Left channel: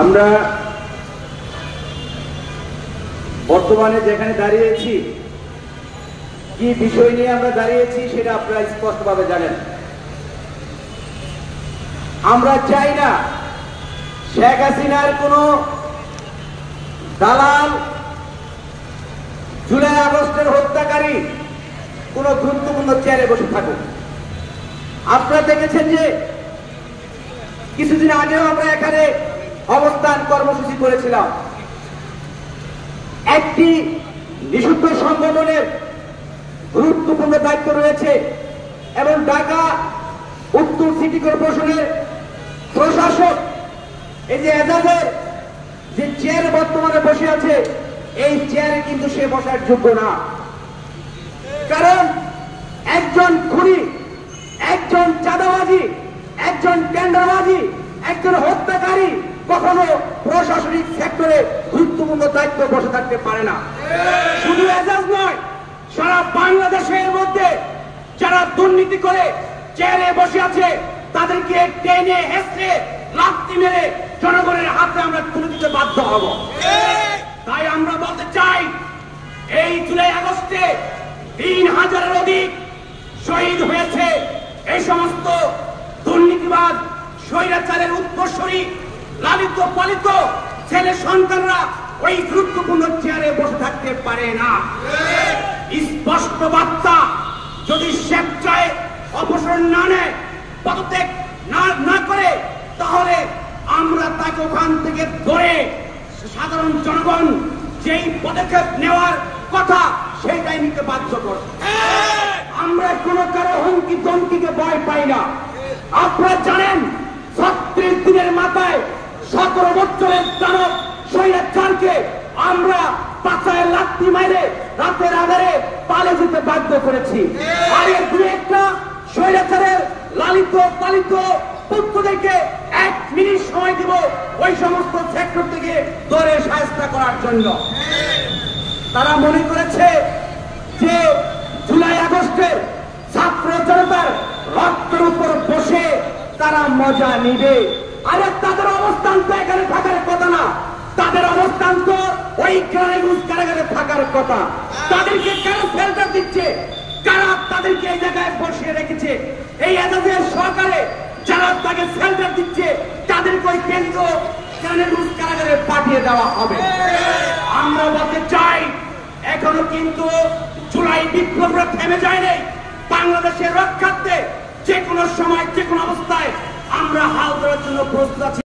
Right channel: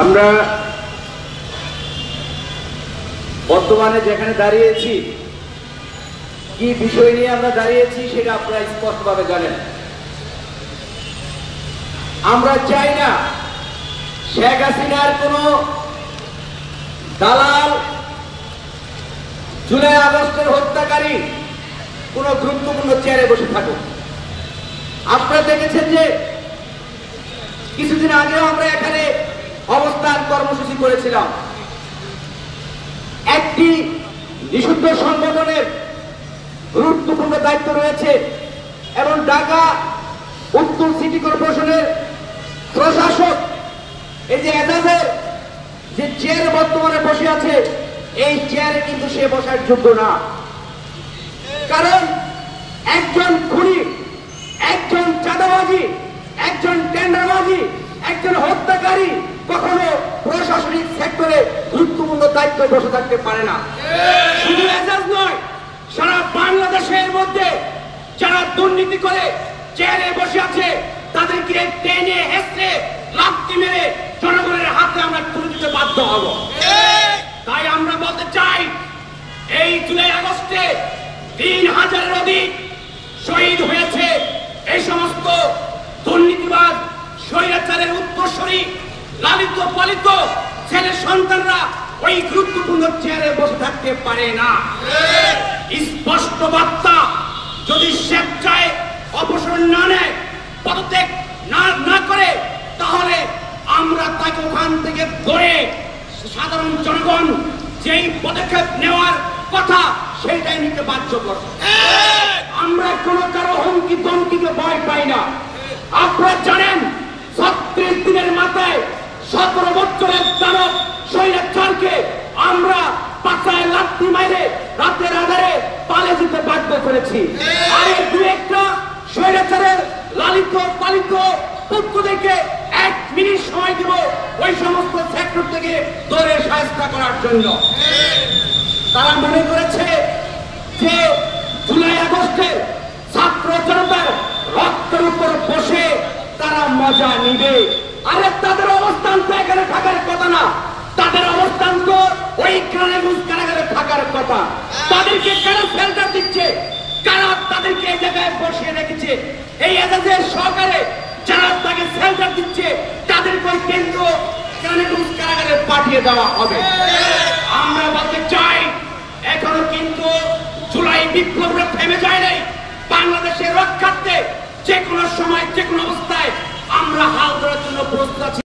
আমরা বর্তমানে যেখানে দাঁড়িয়েছি, কি বিষয় নিয়ে আমরা দাঁড়িয়েছি সেটা আপনারা স্পষ্টভাবে জানেন। আমরা চাই না শেখ হাসিনার কোন দালাল, জুলাই আগস্টের হত্যাকারী কোন গুরুত্বপূর্ণ চেয়ারে বসে থাকুক। আপনারা দেখেছেন যে কিছুদিন আগেও আমরা এখানে অবস্থান কর্মসূচি করেছিলাম। একটি নিষিদ্ধ সংগঠনের গুরুত্বপূর্ণ দায়িত্ব রয়েছে এবং ঢাকা উত্তর সিটি কর্পোরেশনের প্রশাসক এই যে এজাজের যে চেয়ার বর্তমানে বসে আছে, এই চেয়ারে কিন্তু সে বসার যোগ্য না। কারণ একজন খুনি, একজন চাঁদাবাজি, একজন টেন্ডারবাজি, একজন হত্যাকারী কখনো প্রশাসনিক সেক্টরে গুরুত্বপূর্ণ দায়িত্ব বসে থাকতে পারে না। শুধু এজাজ নয়, সারা বাংলাদেশের মধ্যে যারা দুর্নীতি করে চেয়ারে বসে আছে তাদেরকে টেনে হেসে লাথি মেরে জনগণের হাতে আমরা তুলে দিতে বাধ্য হব। তাই আমরা বলতে চাই, এই জুলাই আগস্টে ৩,০০০-এর অধিক শহীদ হয়েছে এই সমস্ত দুর্নীতিবাদ, স্বৈরাচারের উত্তরসূরি, লালিত পালিত ছেলে সন্তানরা ওই গুরুত্বপূর্ণ চেয়ারে বসে থাকতে পারে না। স্পষ্ট বার্তা, যদি স্বেচ্ছায় অপসারণ না নেয়, পদত্যাগ না করে, তাহলে আমরা তাকে ওখান থেকে ধরে সাধারণ জনগণ যেই পদক্ষেপ নেওয়ার কথা সেইটাই নিতে বাধ্য করব। আমরা কোনো কারো হুমকি ধমকিকে ভয় পাই না। আপনারা জানেন ৩৬ দিনের মাথায় ১৭ বছরের দানব স্বৈরাচারকে আমরা পাছায় লাথি মেরে রাতের আধারে পালিয়ে যেতে বাধ্য করেছি। আরে দু একটা স্বৈরাচারের লালিত পালিত পুত্রদেরকে ১ মিনিট সময় দিব ওই সমস্ত সেক্টর থেকে ধরে শায়েস্তা করার জন্য। তারা মনে করেছে যে জুলাই আগস্টের ছাত্র জনতার রক্তের উপর বসে তারা মজা নিবে। আরে তাদের অবস্থান তো এখানে থাকার কথা না, তাদের অবস্থান তো ওই কারাগারে থাকার কথা। তাদেরকে কেন শেল্টার দিচ্ছে? কারা তাদেরকে এই জায়গায় বসিয়ে রেখেছে? এই এজাজের সহকারে যারা তাকে শেল্টার দিচ্ছে তাদেরকে ওই কেন্দ্র কারাগারে পাঠিয়ে দেওয়া হবে। আমরা বলতে চাই, এখনো কিন্তু জুলাই বিপ্লবটা থেমে যায় নাই। বাংলাদেশের রক্ষার্থে যে কোনো সময়, যে কোনো অবস্থায় আমরা হাল ধরার জন্য প্রস্তুত আছি।